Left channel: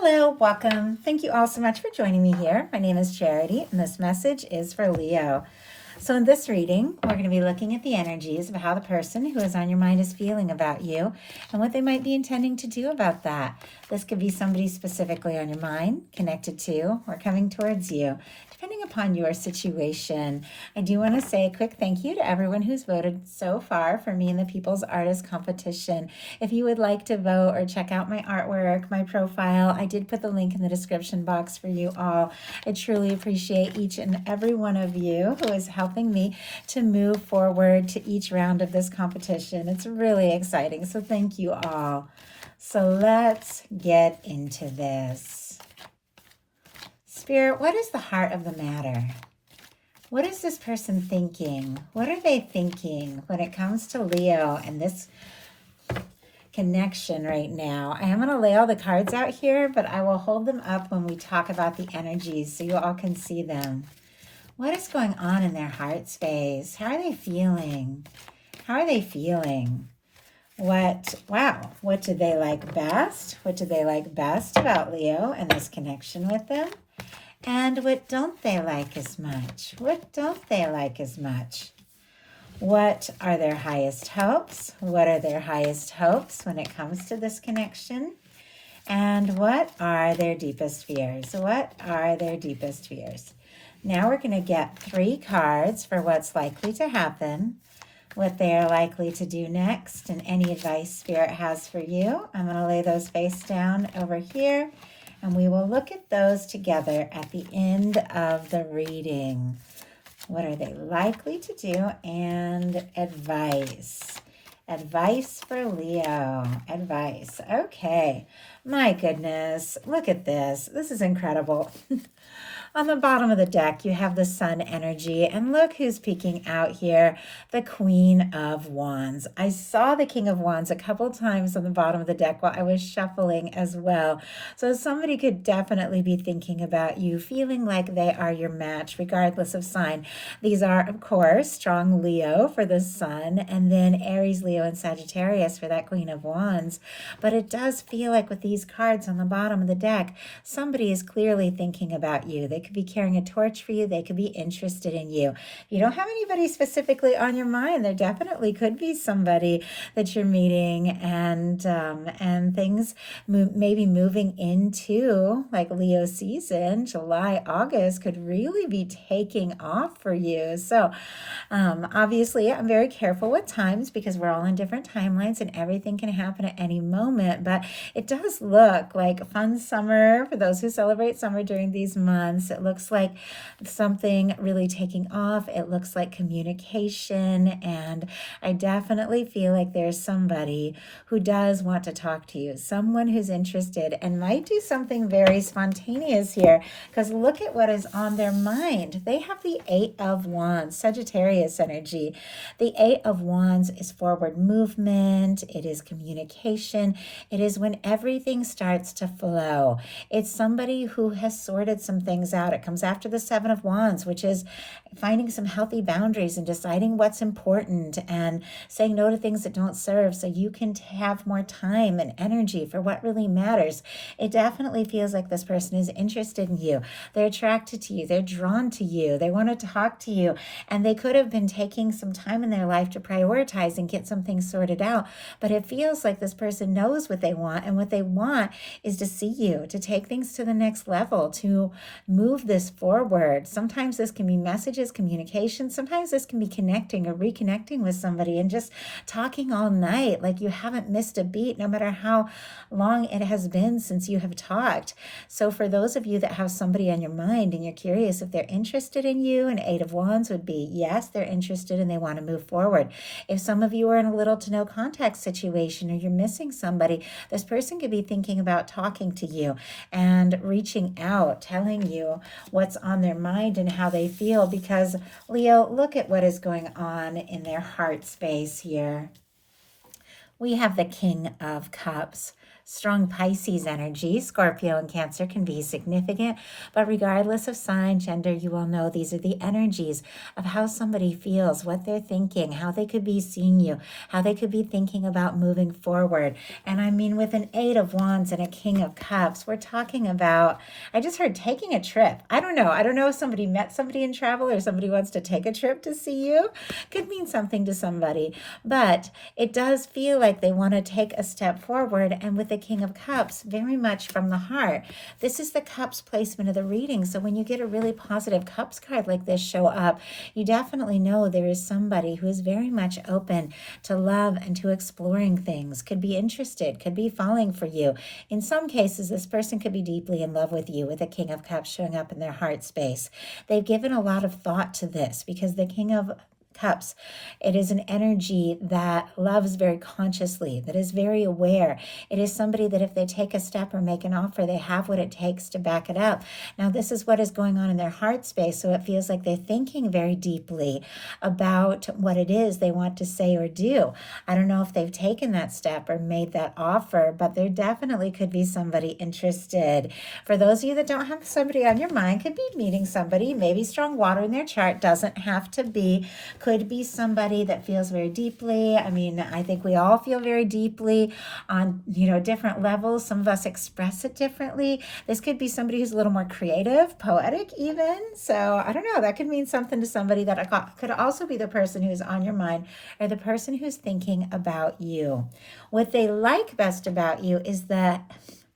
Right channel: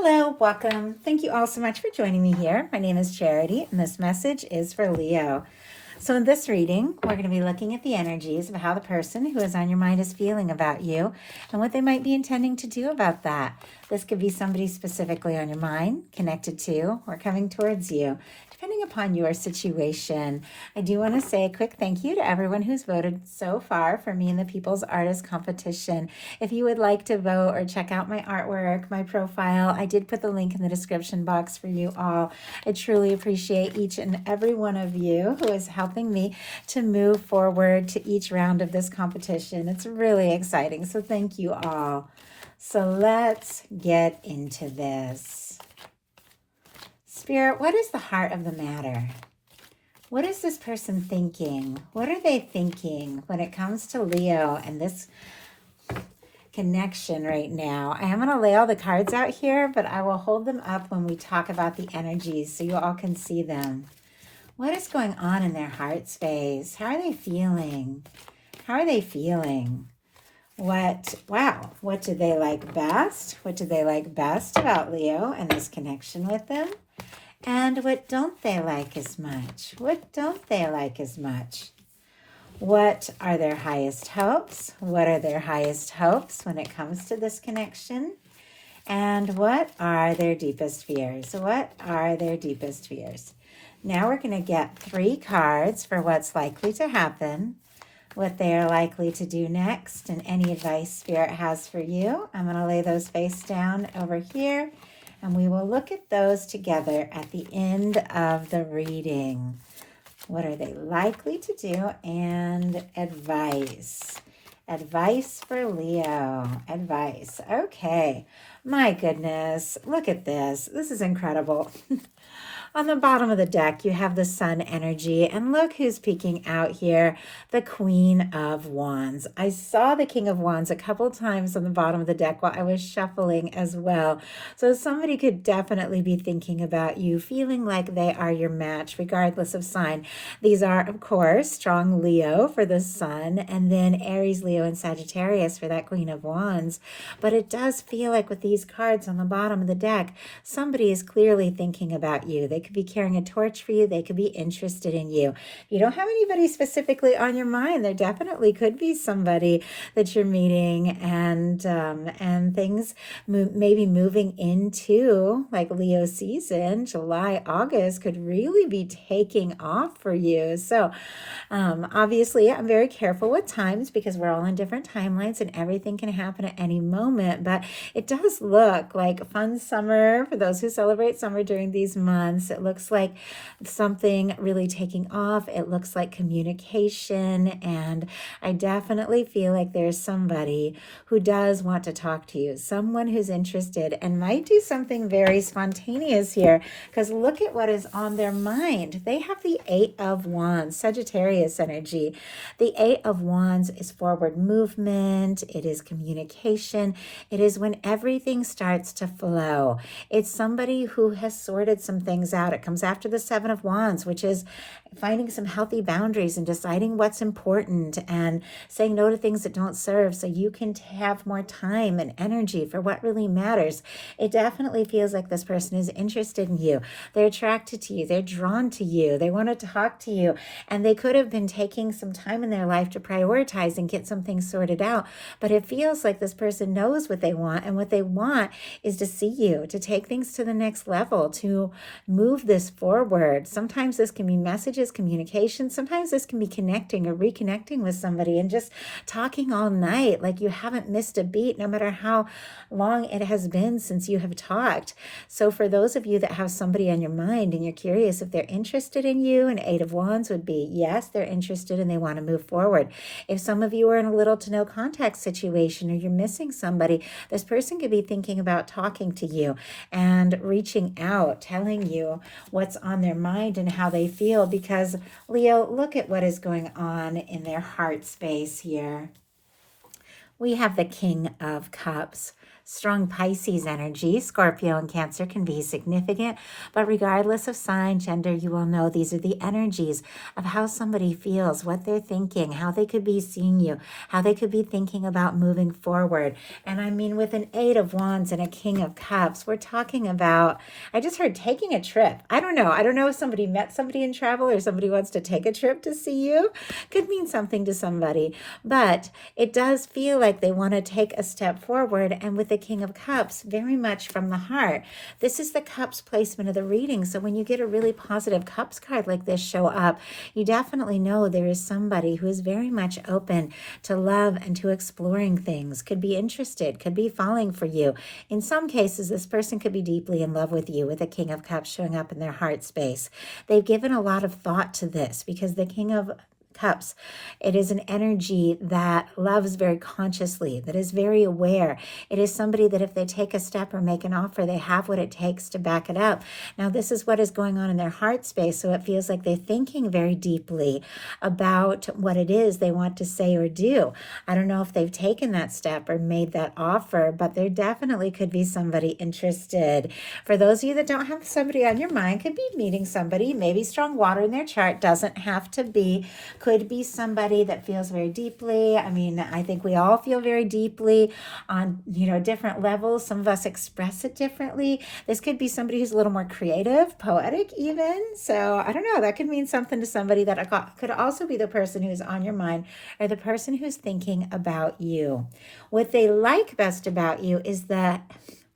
Hello, welcome. Thank you all so much for joining me here. My name is Charity, and this message is for Leo. So, in this reading, we're going to be looking at the energies of how the person who is on your mind is feeling about you and what they might be intending to do about that. This could be somebody specifically on your mind, connected to, or coming towards you, depending upon your situation. I do want to say a quick thank you to everyone who's voted so far for me in the People's Artist Competition. If you would like to vote or check out my artwork, my profile, I did put the link in the description box for you all. I truly appreciate each and every one of you who is helping me to move forward to each round of this competition. It's really exciting, so thank you all. So let's get into this. Spirit, what is the heart of the matter? What is this person thinking? What are they thinking when it comes to Leo and this connection right now? I am going to lay all the cards out here, but I will hold them up when we talk about the energies so you all can see them. What is going on in their heart space? How are they feeling? How are they feeling? What do they like best? What do they like best about Leo and this connection with them? And what don't they like as much? What don't they like as much? What are their highest hopes? What are their highest hopes when it comes to this connection? And what are their deepest fears? What are their deepest fears? Now we're going to get 3 cards for what's likely to happen, what they are likely to do next, and any advice Spirit has for you. I'm going to lay those face down over here, and we will look at those together at the end of the reading. What are they likely to do? And advice. Advice for Leo. Advice. Okay. My goodness. Look at this. This is incredible. On the bottom of the deck, you have the Sun energy, and look who's peeking out here, the Queen of Wands. I saw the King of Wands a couple times on the bottom of the deck while I was shuffling as well. So somebody could definitely be thinking about you, feeling like they are your match, regardless of sign. These are, of course, strong Leo for the Sun, and then Aries, Leo, and Sagittarius for that Queen of Wands. But it does feel like with these cards on the bottom of the deck, somebody is clearly thinking about you. They could be carrying a torch for you. They could be interested in you. If you don't have anybody specifically on your mind, there definitely could be somebody that you're meeting, and things maybe moving into like Leo season, July, August could really be taking off for you. So obviously I'm very careful with times because we're all on different timelines and everything can happen at any moment, but it does look like a fun summer for those who celebrate summer during these months. It looks like something really taking off. It looks like communication, and I definitely feel like there's somebody who does want to talk to you, someone who's interested and might do something very spontaneous here, because look at what is on their mind. They have the 8 of Wands, Sagittarius energy. The 8 of Wands is forward movement. It is communication. It is when everything starts to flow. It's somebody who has sorted some things out. It comes after the 7 of Wands, which is finding some healthy boundaries and deciding what's important and saying no to things that don't serve so you can have more time and energy for what really matters. It definitely feels like this person is interested in you. They're attracted to you. They're drawn to you. They want to talk to you. And they could have been taking some time in their life to prioritize and get some things sorted out. But it feels like this person knows what they want. And what they want is to see you, to take things to the next level, to move this forward. Sometimes this can be messages, communication. Sometimes this can be connecting or reconnecting with somebody and just talking all night like you haven't missed a beat, no matter how long it has been since you have talked. So for those of you that have somebody on your mind and you're curious if they're interested in you, an 8 of Wands would be yes, they're interested and they want to move forward. If some of you are in a little to no contact situation or you're missing somebody, this person could be thinking about talking to you and reaching out, telling you what's on their mind and how they feel, because Leo, look at what is going on in their heart space here. We have the King of Cups. Strong Pisces energy, Scorpio and Cancer can be significant, but regardless of sign, gender, you will know these are the energies of how somebody feels, what they're thinking, how they could be seeing you, how they could be thinking about moving forward. And I mean, with an 8 of Wands and a King of Cups, we're talking about, I just heard taking a trip. I don't know. I don't know if somebody met somebody in travel or somebody wants to take a trip to see you. Could mean something to somebody, but it does feel like they want to take a step forward. And with the King of Cups, very much from the heart. This is the Cups placement of the reading. So when you get a really positive Cups card like this show up, you definitely know there is somebody who is very much open to love and to exploring things, could be interested, could be falling for you. In some cases, this person could be deeply in love with you, with the King of Cups showing up in their heart space. They've given a lot of thought to this because the King of Cups, it is an energy that loves very consciously, that is very aware. It is somebody that if they take a step or make an offer, they have what it takes to back it up. Now, this is what is going on in their heart space, so it feels like they're thinking very deeply about what it is they want to say or do. I don't know if they've taken that step or made that offer, but there definitely could be somebody interested. For those of you that don't have somebody on your mind, could be meeting somebody, maybe strong water in their chart, doesn't have to be, could be somebody that feels very deeply. I mean, I think we all feel very deeply on, different levels. Some of us express it differently. This could be somebody who's a little more creative, poetic even. So I don't know, that could mean something to somebody. That could also be the person who's on your mind or the person who's thinking about you. What they like best about you is that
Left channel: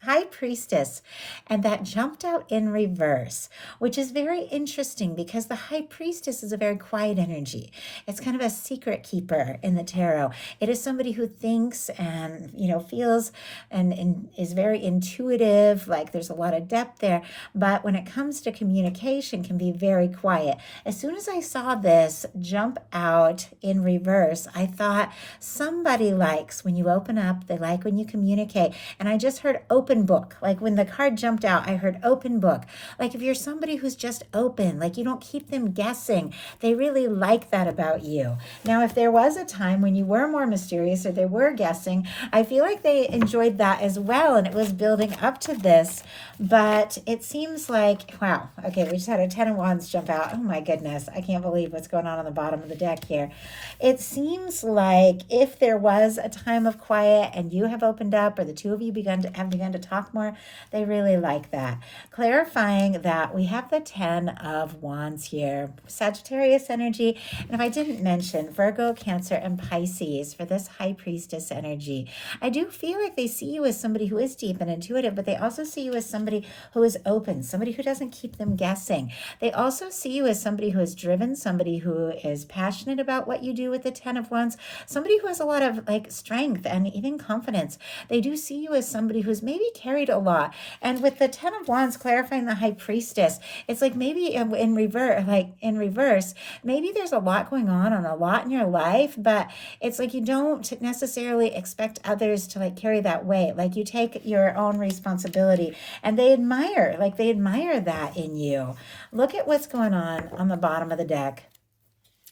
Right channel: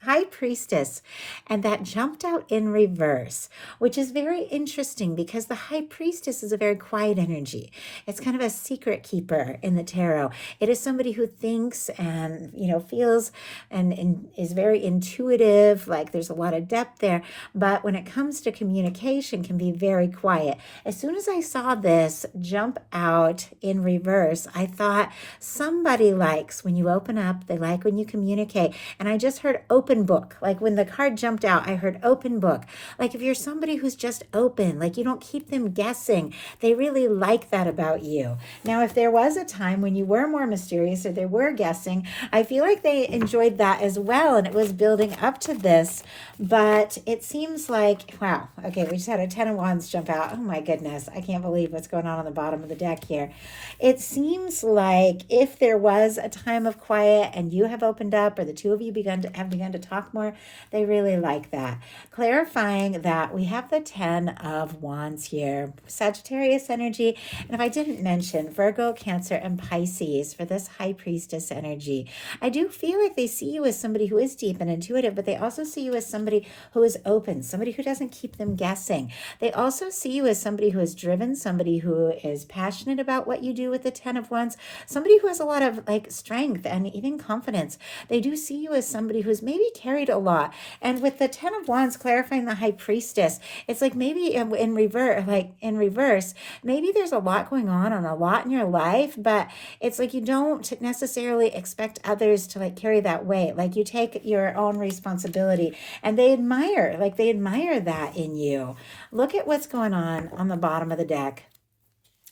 High Priestess, and that jumped out in reverse, which is very interesting because the High Priestess is a very quiet energy. It's kind of a secret keeper in the tarot. It is somebody who thinks and, feels and is very intuitive, like there's a lot of depth there, but when it comes to communication can be very quiet. As soon as I saw this jump out in reverse, I thought somebody likes when you open up, they like when you communicate, and I just heard open book. Like when the card jumped out, I heard open book. Like if you're somebody who's just open, like you don't keep them guessing, they really like that about you. Now, if there was a time when you were more mysterious or they were guessing, I feel like they enjoyed that as well, and it was building up to this. But it seems like, wow, okay, we just had a 10 of Wands jump out. Oh my goodness, I can't believe what's going on the bottom of the deck here. It seems like if there was a time of quiet and you have opened up, or the two of you have begun to talk more, they really like that. Clarifying that we have the 10 of Wands here, Sagittarius energy, and if I didn't mention Virgo, Cancer, and Pisces for this High Priestess energy, I do feel like they see you as somebody who is deep and intuitive, but they also see you as somebody who is open, somebody who doesn't keep them guessing. They also see you as somebody who is driven, somebody who is passionate about what you do with the 10 of Wands, somebody who has a lot of strength and even confidence. They do see you as somebody who's maybe carried a lot. And with the 10 of Wands clarifying the High Priestess, it's like maybe in reverse, maybe there's a lot going on and a lot in your life, but it's like you don't necessarily expect others to carry that weight. Like you take your own responsibility, and they admire that in you. Look at what's going on the bottom of the deck.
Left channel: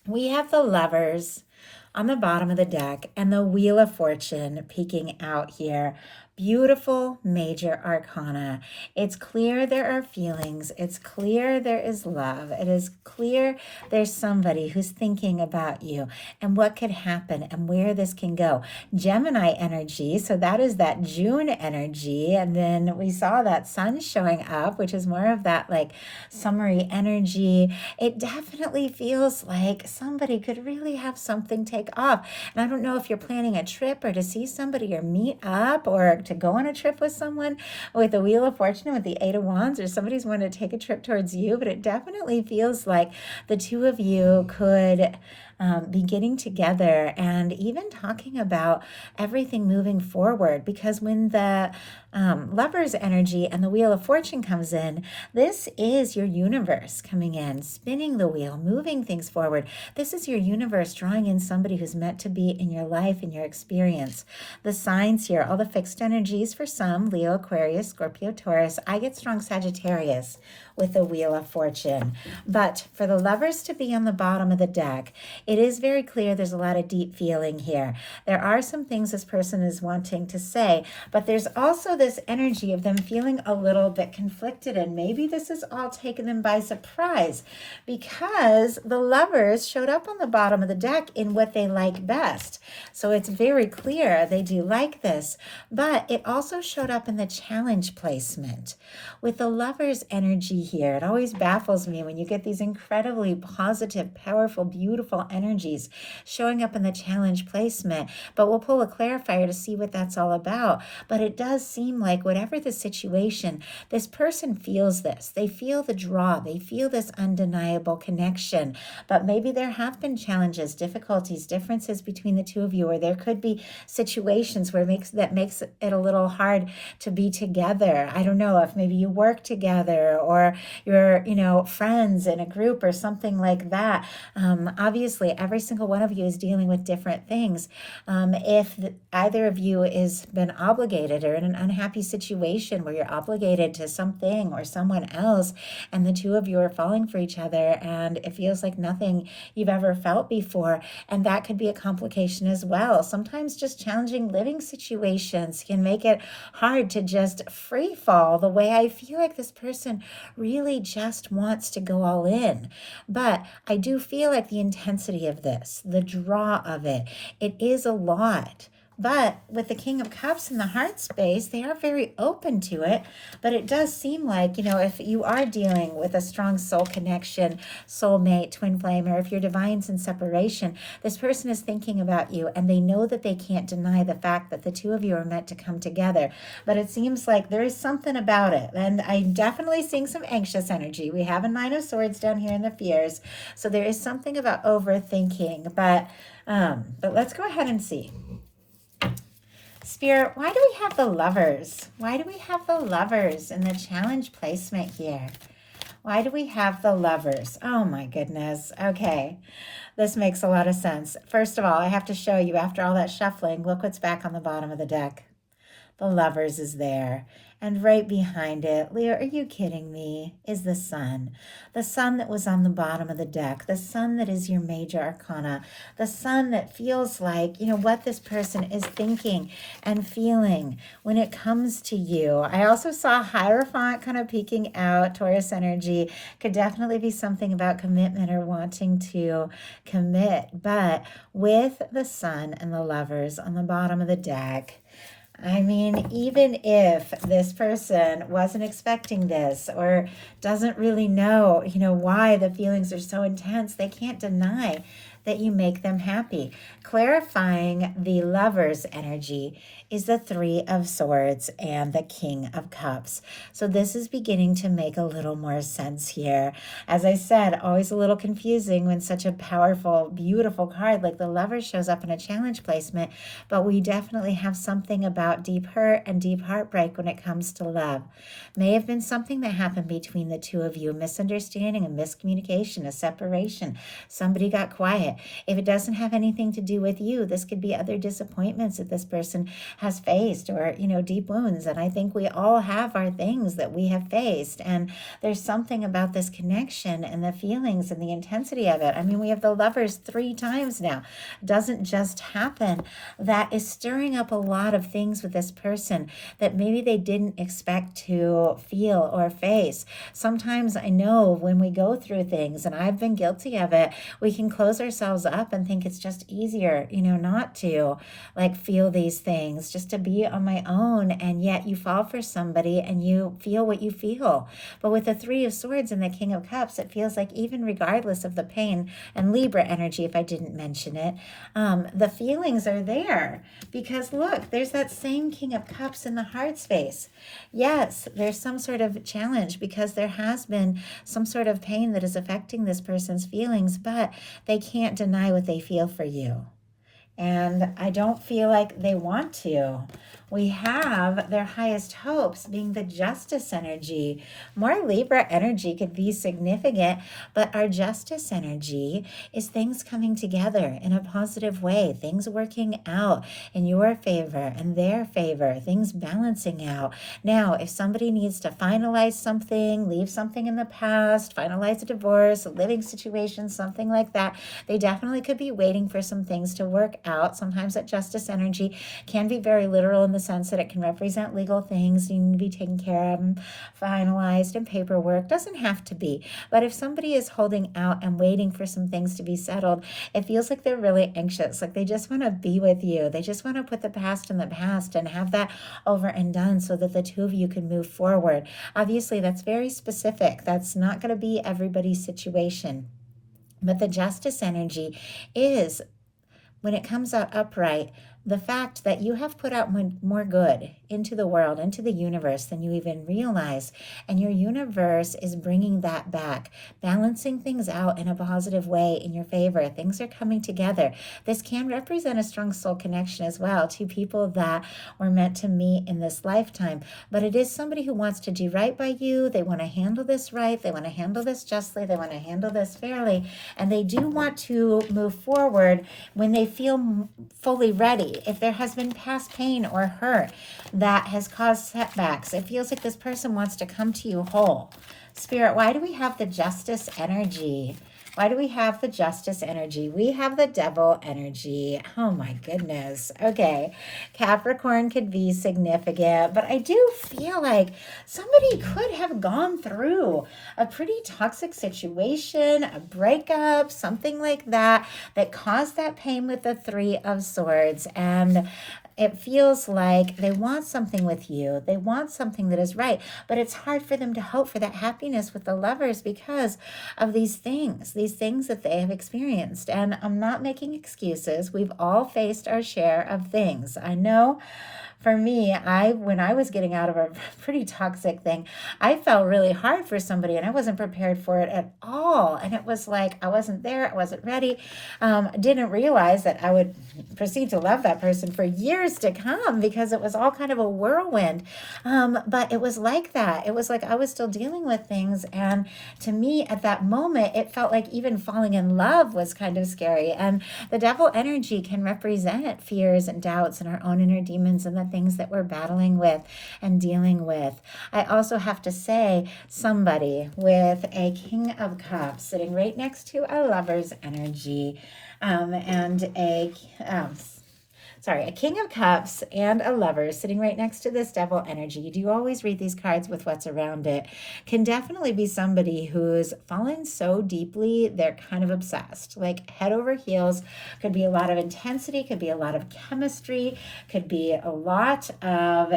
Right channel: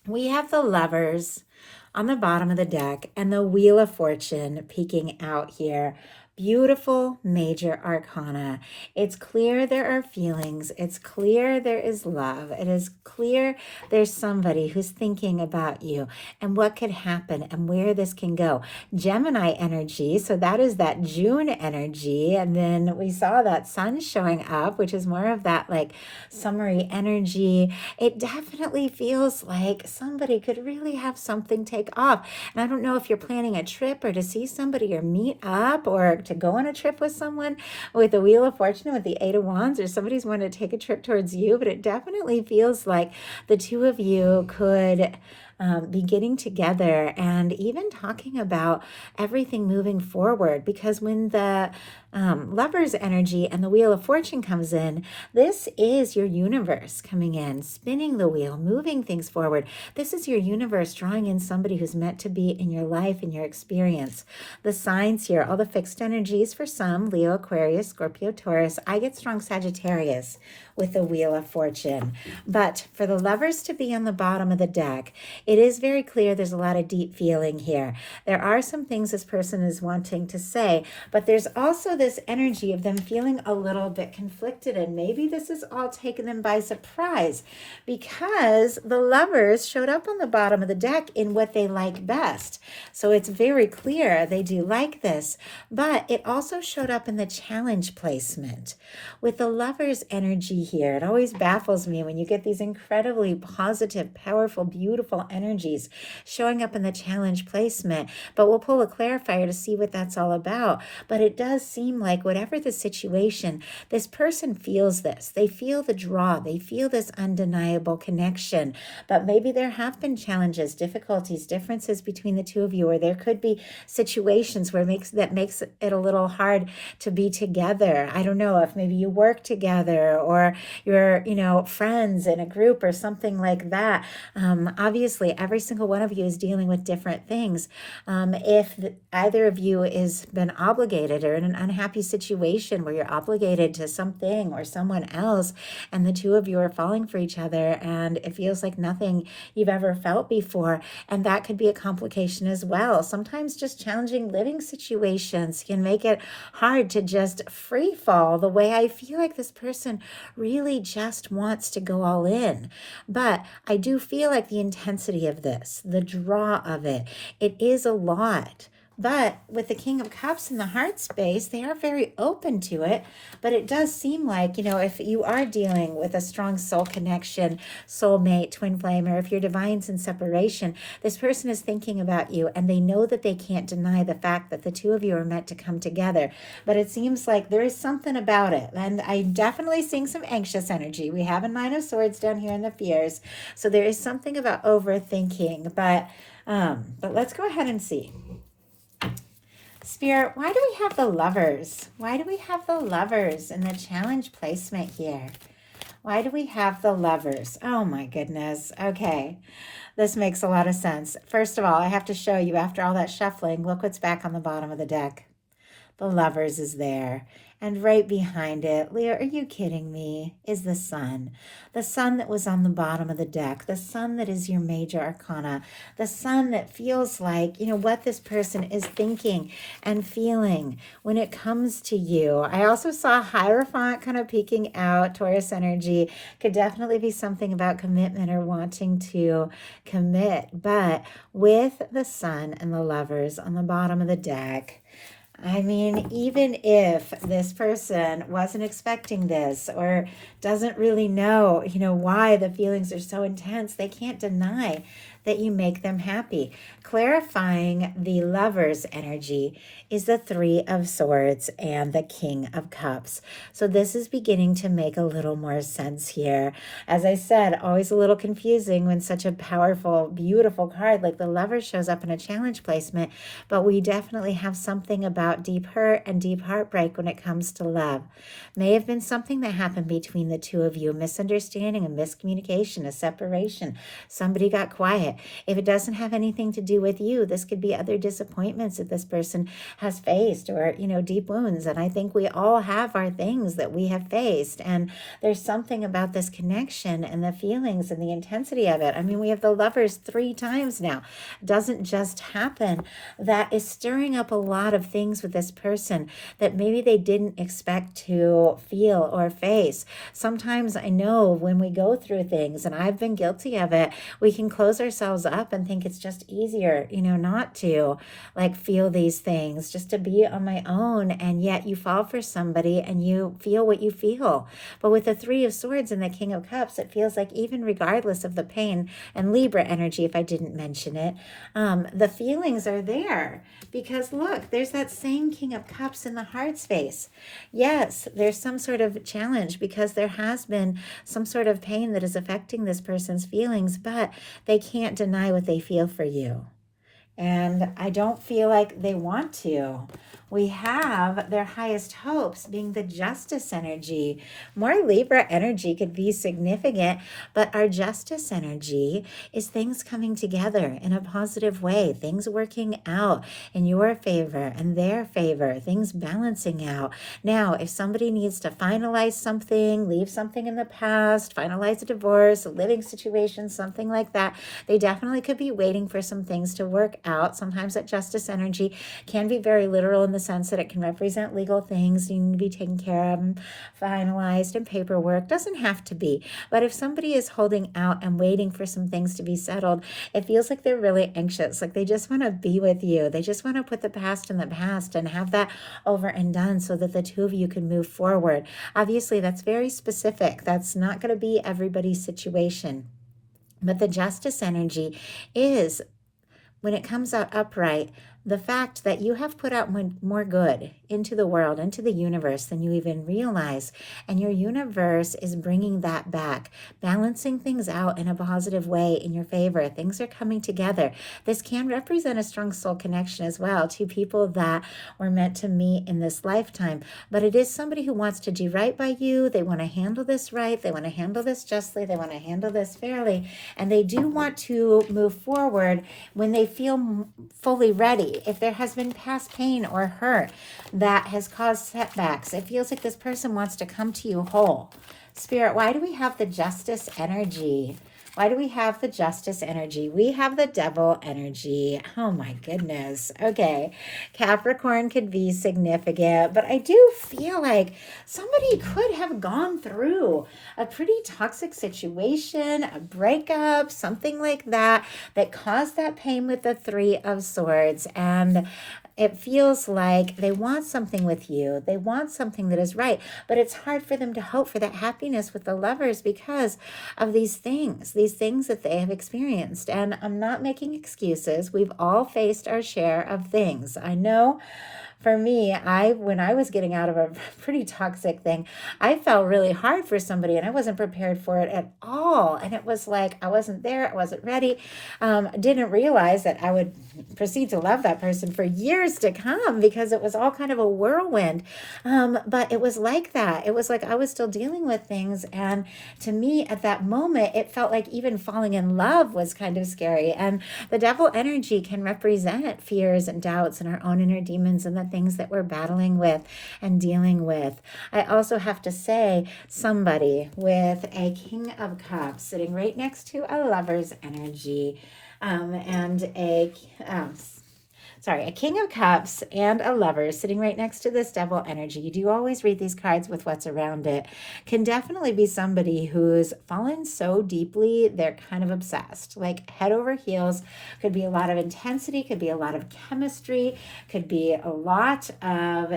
We have the Lovers on the bottom of the deck and the Wheel of Fortune peeking out here. Beautiful major arcana. It's clear there are feelings. It's clear there is love. It is clear there's somebody who's thinking about you and what could happen and where this can go. Gemini energy, so that is that June energy. And then we saw that sun showing up, which is more of that summery energy. It definitely feels like somebody could really have something take off. And I don't know if you're planning a trip or to see somebody or meet up or to go on a trip with someone with the Wheel of Fortune with the 8 of Wands, or somebody's wanting to take a trip towards you, but it definitely feels like the two of you could be getting together and even talking about everything moving forward, because when the Lovers energy and the Wheel of Fortune comes in, this is your universe coming in, spinning the wheel, moving things forward. This is your universe drawing in somebody who's meant to be in your life, in your experience. The signs here, all the fixed energies for some, Leo, Aquarius, Scorpio, Taurus. I get strong Sagittarius with the Wheel of Fortune. But for the Lovers to be on the bottom of the deck, it is very clear there's a lot of deep feeling here. There are some things this person is wanting to say, but there's also this energy of them feeling a little bit conflicted, and maybe this is all taken them by surprise because the Lovers showed up on the bottom of the deck in what they like best. So it's very clear they do like this, but it also showed up in the challenge placement. With the Lovers energy here, it always baffles me when you get these incredibly positive, powerful, beautiful energies showing up in the challenge placement, but we'll pull a clarifier to see what that's all about. But it does seem like whatever the situation, this person feels this. They feel the draw. They feel this undeniable connection. But maybe there have been challenges, difficulties, differences between the two of you, or there could be situations where that makes it a little hard to be together. I don't know if maybe you work together or you're, friends in a group or something like that. Obviously, every single one of you is dealing with different things. If either of you is been obligated or in an unhappy situation where you're obligated to something or someone else, and the two of you are falling for each other, and it feels like nothing you've ever felt before, and that could be a complication as well. Sometimes just challenging living situations can make it hard to just free fall the way I feel like this person really just wants to go all in. But I do feel like the intensity of this, the draw of it is a lot. But with the King of Cups in the heart space, they are very open to it. But it does seem like, if you are dealing with a strong soul connection, soulmate, twin flame, or if your divine's in separation, this person is thinking about you, and they know that they can't deny the fact that the two of you are meant to come together. But it seems like there is something about it. And I'm definitely seeing some anxious energy. We have a Nine of Swords down here in the fears. So there is something about overthinking. But let's go ahead and see. Spirit, why do we have the Lovers? Why do we have the Lovers in the challenge placement here? Why do we have the Lovers? Oh my goodness. Okay. This makes a lot of sense. First of all, I have to show you after all that shuffling, look what's back on the bottom of the deck. The Lovers is there. And right behind it, Leo, are you kidding me, is the Sun. The Sun that was on the bottom of the deck. The Sun that is your major arcana. The Sun that feels like, what this person is thinking and feeling when it comes to you. I also saw Hierophant kind of peeking out. Taurus energy could definitely be something about commitment or wanting to commit. But with the Sun and the Lovers on the bottom of the deck, I mean, even if this person wasn't expecting this or doesn't really know, why the feelings are so intense, they can't deny that you make them happy. Clarifying the Lover's energy is the Three of Swords and the King of Cups. So this is beginning to make a little more sense here. As I said, always a little confusing when such a powerful, beautiful card like the Lover shows up in a challenge placement, but we definitely have something about deep hurt and deep heartbreak when it comes to love. May have been something that happened between the two of you, a misunderstanding, a miscommunication, a separation. Somebody got quiet. If it doesn't have anything to do with you, this could be other disappointments that this person has faced, or deep wounds. And I think we all have our things that we have faced, and there's something about this connection and the feelings and the intensity of it. I mean, we have the Lovers 3 times now. It doesn't just happen. That is stirring up a lot of things with this person that maybe they didn't expect to feel or face. Sometimes I know when we go through things, and I've been guilty of it, we can close ourselves up and think it's just easier, not to feel these things, just to be on my own. And yet you fall for somebody and you feel what you feel. But with the Three of Swords and the King of Cups, it feels like even regardless of the pain and Libra energy, if I didn't mention it, the feelings are there. Because look, there's that same King of Cups in the heart space. Yes, there's some sort of challenge because there has been some sort of pain that is affecting this person's feelings, but they can't deny what they feel for you. And I don't feel like they want to. we have their highest hopes being the justice energy. More Libra energy could be significant, but our justice energy is things coming together in a positive way, things working out in your favor and their favor, things balancing out. Now, if somebody needs to finalize something, leave something in the past, finalize a divorce, a living situation, something like that, they definitely could be waiting for some things to work out. Sometimes that justice energy can be very literal in the sense that it can represent legal things needing to be taken care of and finalized, and paperwork. Doesn't have to be. But if somebody is holding out and waiting for some things to be settled, it feels like they're really anxious. Like they just want to be with you. They just want to put the past in the past and have that over and done so that the two of you can move forward. Obviously, that's very specific. That's not going to be everybody's situation. But the justice energy is, when it comes out upright, the fact that you have put out more good into the world, into the universe than you even realize. And your universe is bringing that back, balancing things out in a positive way in your favor. Things are coming together. This can represent a strong soul connection as well, to people that were meant to meet in this lifetime. But it is somebody who wants to do right by you. They want to handle this right. They want to handle this justly. They want to handle this fairly. And they do want to move forward when they feel fully ready. If there has been past pain or hurt that has caused setbacks, it feels like this person wants to come to you whole. Spirit, why do we have the justice energy? Why do we have the justice energy? We have the devil energy. Oh my goodness. Okay. Capricorn could be significant, but I do feel like somebody could have gone through a pretty toxic situation, a breakup, something like that, that caused that pain with the Three of Swords. And it feels like they want something with you. They want something that is right, but it's hard for them to hope for that happiness with the Lovers because of these things that they have experienced. And I'm not making excuses. We've all faced our share of things. I know. For me, when I was getting out of a pretty toxic thing, I felt really hard for somebody and I wasn't prepared for it at all. And it was like, I wasn't there. I wasn't ready. Didn't realize that I would proceed to love that person for years to come because it was all kind of a whirlwind. But it was like that. It was like I was still dealing with things. And to me, at that moment, it felt like even falling in love was kind of scary. And the devil energy can represent fears and doubts and our own inner demons and the things that we're battling with and dealing with. I also have to say, somebody with a King of Cups sitting right next to a Lover's energy, and a King of Cups and a Lover sitting right next to this devil energy. You do always read these cards with what's around it. Can definitely be somebody who's fallen so deeply, they're kind of obsessed, like head over heels. Could be a lot of intensity, could be a lot of chemistry, could be a lot of,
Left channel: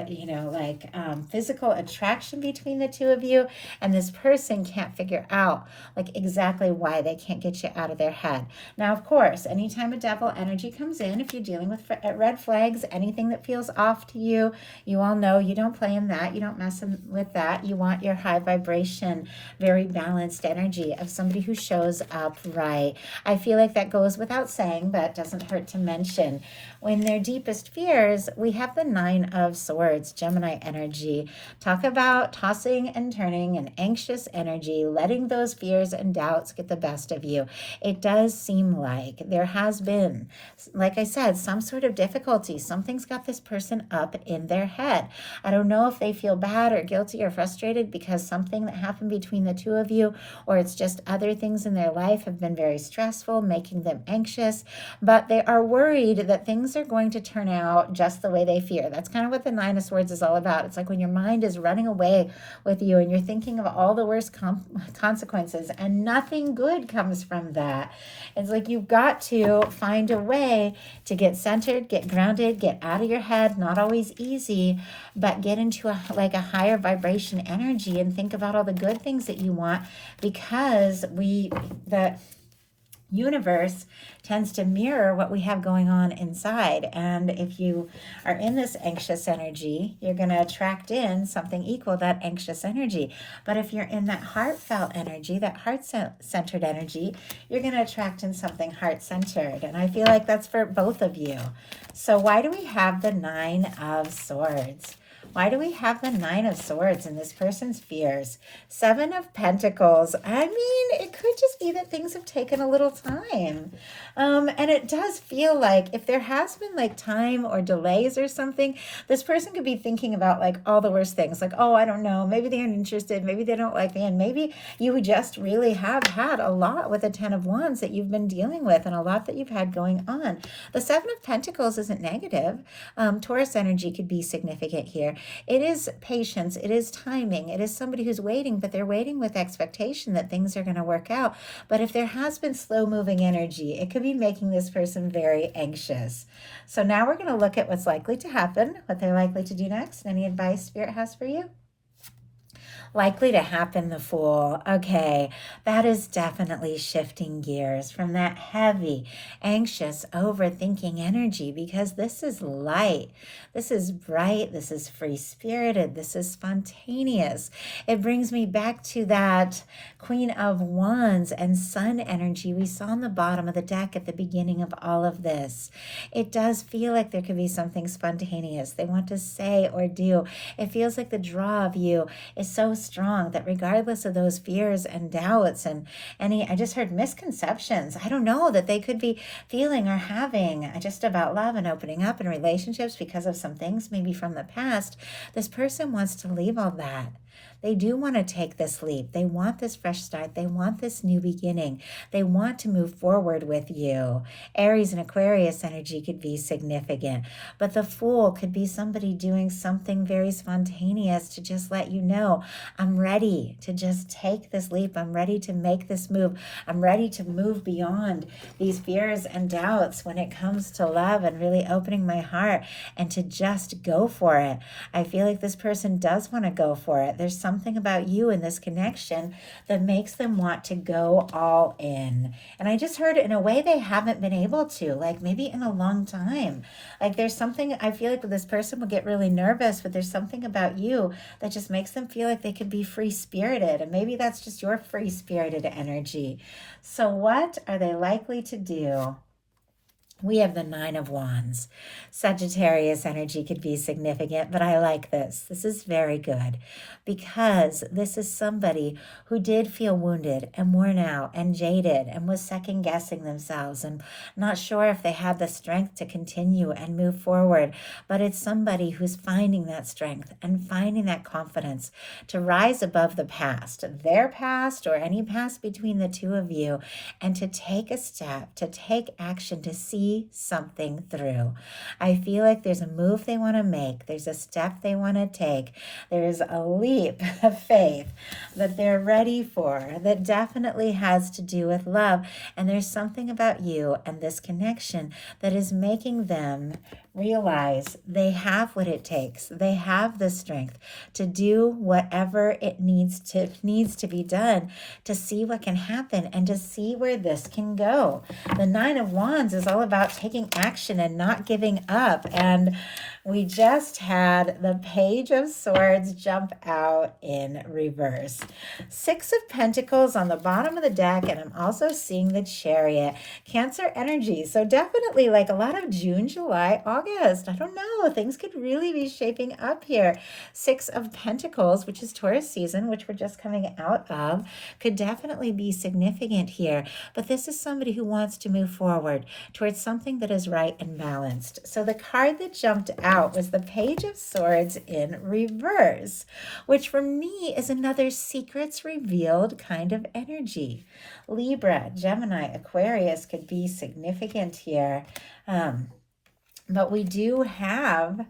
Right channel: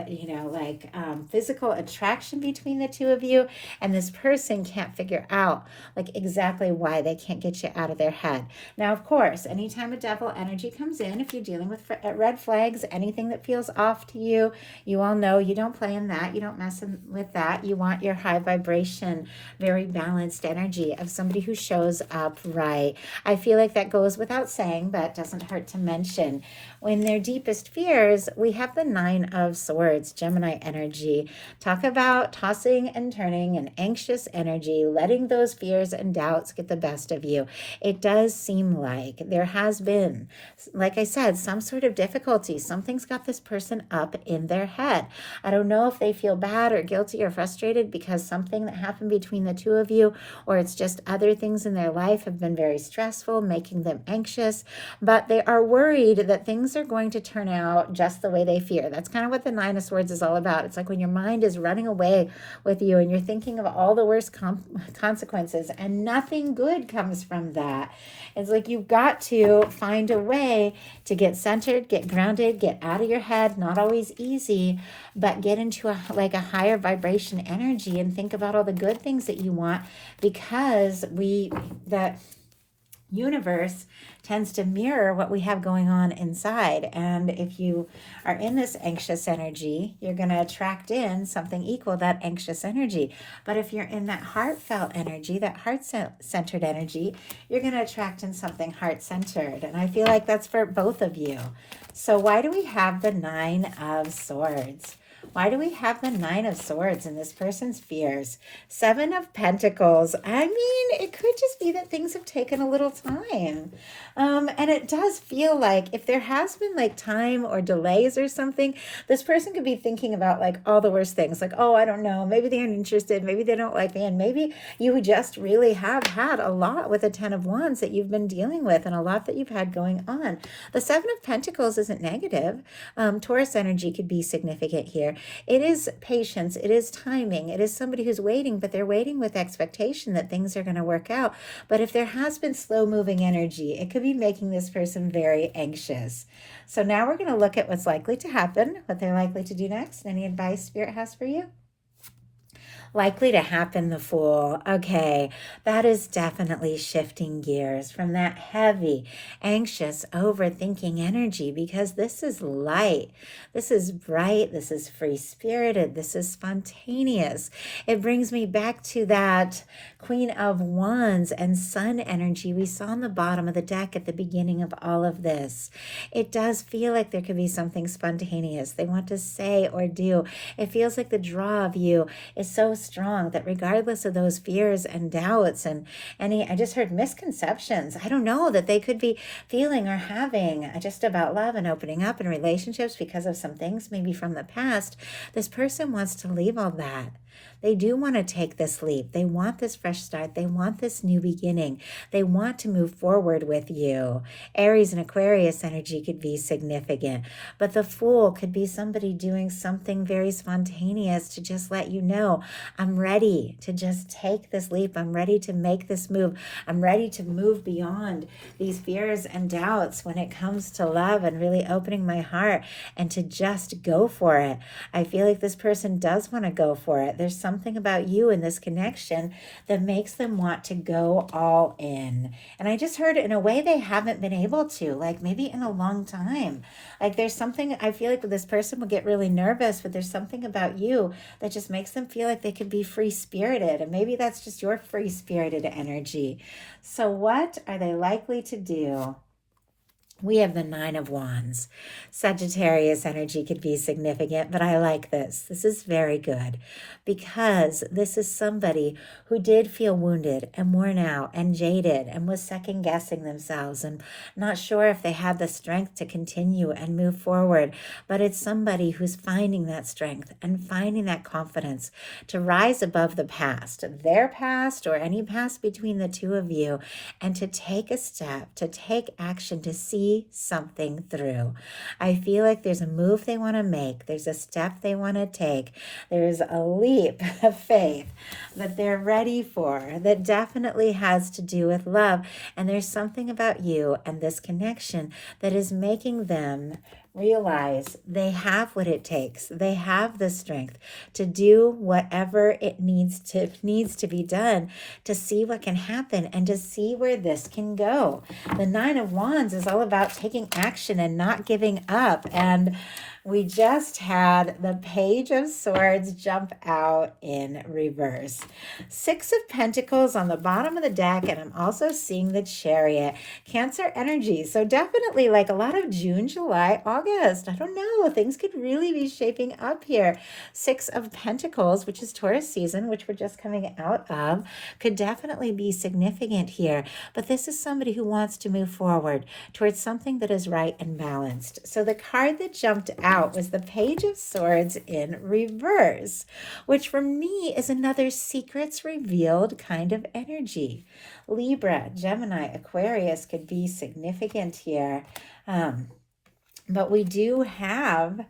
physical attraction between the two of you. And this person can't figure out like exactly why they can't get you out of their head. Now, of course, anytime a devil energy comes in, if you're dealing with red flags, anything that feels off to you, you all know you don't play in that. You don't mess with that. You want your high vibration, very balanced energy of somebody who shows up right. I feel like that goes without saying, but doesn't hurt to mention. When their deepest fears, we have the Nine of Swords, Gemini energy. Talk about tossing and turning and anxious energy, letting those fears and doubts get the best of you. It does seem like there has been, like I said, some sort of difficulty. Something's got this person up in their head. I don't know if they feel bad or guilty or frustrated because something that happened between the two of you, or it's just other things in their life have been very stressful, making them anxious, but they are worried that things are going to turn out just the way they fear. That's kind of what the Nine of Swords is all about. It's like when your mind is running away with you and you're thinking of all the worst consequences and nothing good comes from that. It's like you've got to find a way to get centered, get grounded, get out of your head. Not always easy, but get into a higher vibration energy and think about all the good things that you want, because universe tends to mirror what we have going on inside. And if you are in this anxious energy, you're going to attract in something equal that anxious energy. But if you're in that heartfelt energy, that heart-centered energy, you're going to attract in something heart-centered. And I feel like that's for both of you. So why do we have the Nine of Swords? Why do we have the Nine of Swords in this person's fears? Seven of Pentacles. I mean, it could just be that things have taken a little time. And it does feel like if there has been like time or delays or something, this person could be thinking about like all the worst things. Like, oh, I don't know. Maybe they're interested. Maybe they don't like me. And maybe you just really have had a lot with the Ten of Wands that you've been dealing with and a lot that you've had going on. The Seven of Pentacles isn't negative. Taurus energy could be significant here. It is patience. It is timing. It is somebody who's waiting, but they're waiting with expectation that things are going to work out. But if there has been slow moving energy, it could be making this person very anxious. So now we're going to look at what's likely to happen, what they're likely to do next. Any advice Spirit has for you? Likely to happen, the Fool. Okay, that is definitely shifting gears from that heavy, anxious, overthinking energy, because this is light. This is bright. This is free-spirited. This is spontaneous. It brings me back to that Queen of Wands and Sun energy we saw on the bottom of the deck at the beginning of all of this. It does feel like there could be something spontaneous they want to say or do. It feels like the draw of you is so strong that regardless of those fears and doubts and any, I just heard misconceptions, I don't know, that they could be feeling or having just about love and opening up in relationships because of some things maybe from the past, this person wants to leave all that. They do want to take this leap. They want this fresh start. They want this new beginning. They want to move forward with you. Aries and Aquarius energy could be significant, but the Fool could be somebody doing something very spontaneous to just let you know, I'm ready to just take this leap. I'm ready to make this move. I'm ready to move beyond these fears and doubts when it comes to love and really opening my heart and to just go for it. I feel like this person does want to go for it. There's something about you in this connection that makes them want to go all in. And I just heard in a way they haven't been able to, like maybe in a long time. Like there's something, I feel like this person will get really nervous, but there's something about you that just makes them feel like they can be free-spirited. And maybe that's just your free-spirited energy. So what are they likely to do? We have the Nine of Wands. Sagittarius energy could be significant, but I like this. This is very good because this is somebody who did feel wounded and worn out and jaded and was second guessing themselves and not sure if they had the strength to continue and move forward. But it's somebody who's finding that strength and finding that confidence to rise above the past, their past or any past between the two of you, and to take a step, to take action, to see something through. I feel like there's a move they want to make. There's a step they want to take. There's a leap of faith that they're ready for that definitely has to do with love. And there's something about you and this connection that is making them realize they have what it takes. They have the strength to do whatever it needs to be done to see what can happen and to see where this can go. The Nine of Wands is all about taking action and not giving up. And we just had the Page of Swords jump out in reverse. Six of Pentacles on the bottom of the deck, and I'm also seeing the Chariot. Cancer energy. So definitely like a lot of June, July, August. I don't know. Things could really be shaping up here. Six of Pentacles, which is Taurus season, which we're just coming out of, could definitely be significant here. But this is somebody who wants to move forward towards something that is right and balanced. So the card that jumped out was the Page of Swords in reverse, which for me is another secrets revealed kind of energy. Libra, Gemini, Aquarius could be significant here. But we do have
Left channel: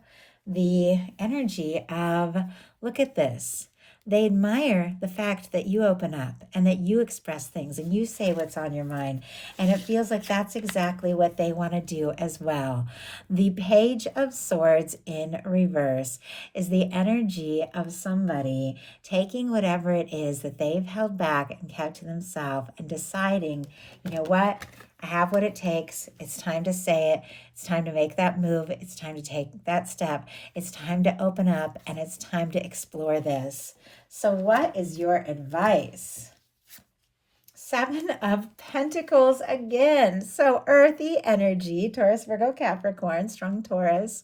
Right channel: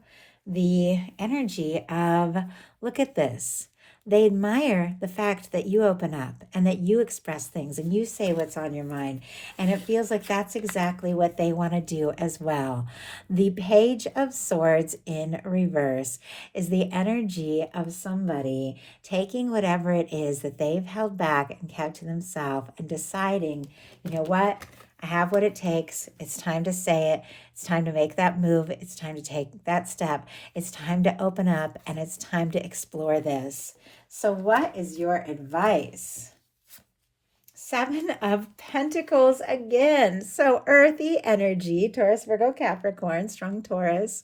the energy of, look at this. They admire the fact that you open up and that you express things and you say what's on your mind. And it feels like that's exactly what they want to do as well. The Page of Swords in reverse is the energy of somebody taking whatever it is that they've held back and kept to themselves and deciding, you know what? I have what it takes. It's time to say it. It's time to make that move. It's time to take that step. It's time to open up and it's time to explore this. So, what is your advice? Seven of Pentacles again. So, earthy energy, Taurus, Virgo, Capricorn, strong Taurus.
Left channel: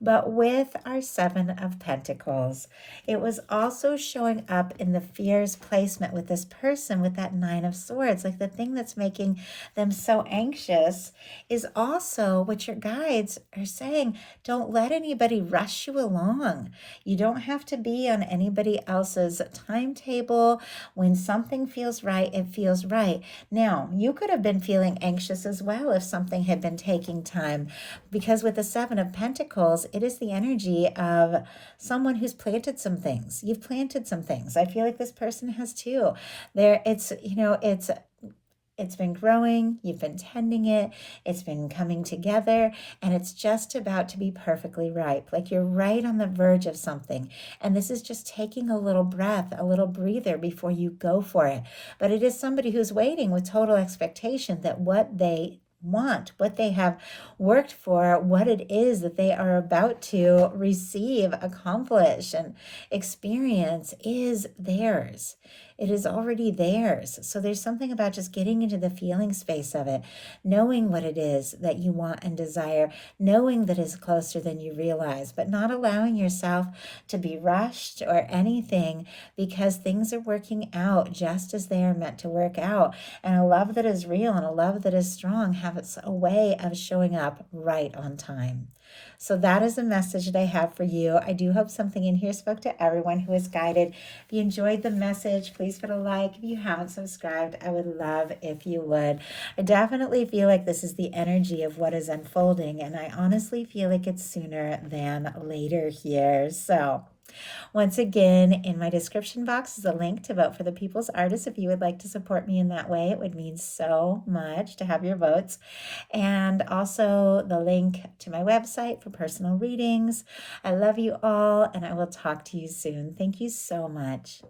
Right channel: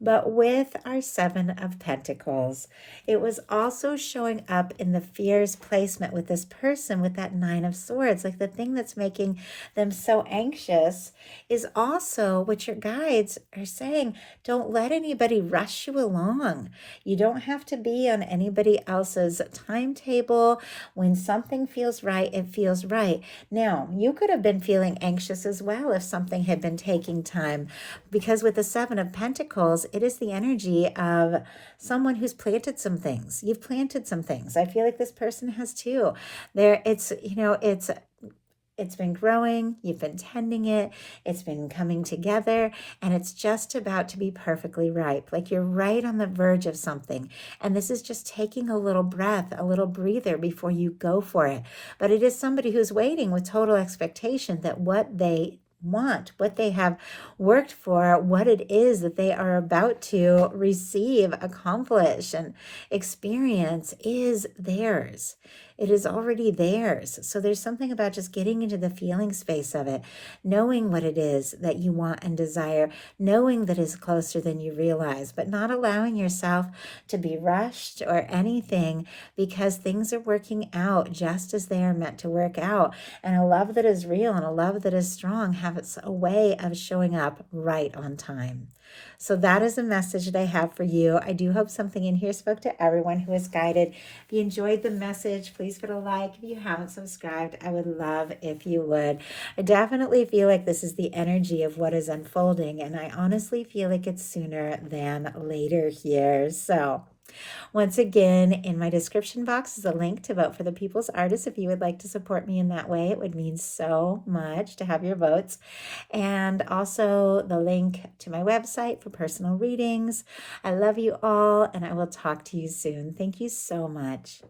But with our Seven of Pentacles, it was also showing up in the fears placement with this person with that Nine of Swords. Like the thing that's making them so anxious is also what your guides are saying. Don't let anybody rush you along. You don't have to be on anybody else's timetable. When something feels right, it feels right. Now, you could have been feeling anxious as well if something had been taking time, because with the Seven of Pentacles, it is the energy of someone who's planted some things. You've planted some things. I feel like this person has too. It's been growing, you've been tending it, it's been coming together, and it's just about to be perfectly ripe. Like you're right on the verge of something. And this is just taking a little breath, a little breather before you go for it. But it is somebody who's waiting with total expectation that what they want, what they have worked for, what it is that they are about to receive, accomplish, and experience is theirs. It is already theirs. So there's something about just getting into the feeling space of it, knowing what it is that you want and desire, knowing that it's closer than you realize, but not allowing yourself to be rushed or anything, because things are working out just as they are meant to work out. And a love that is real and a love that is strong has a way of showing up right on time. So that is the message that I have for you. I do hope something in here spoke to everyone who is guided. If you enjoyed the message, please put a like. If you haven't subscribed, I would love if you would. I definitely feel like this is the energy of what is unfolding, and I honestly feel like it's sooner than later here. So once again, in my description box is a link to vote for the People's Artist. If you would like to support me in that way, it would mean so much to have your votes. And also the link to my website for personal readings. I love you all, and I will talk to you soon. Thank you so much.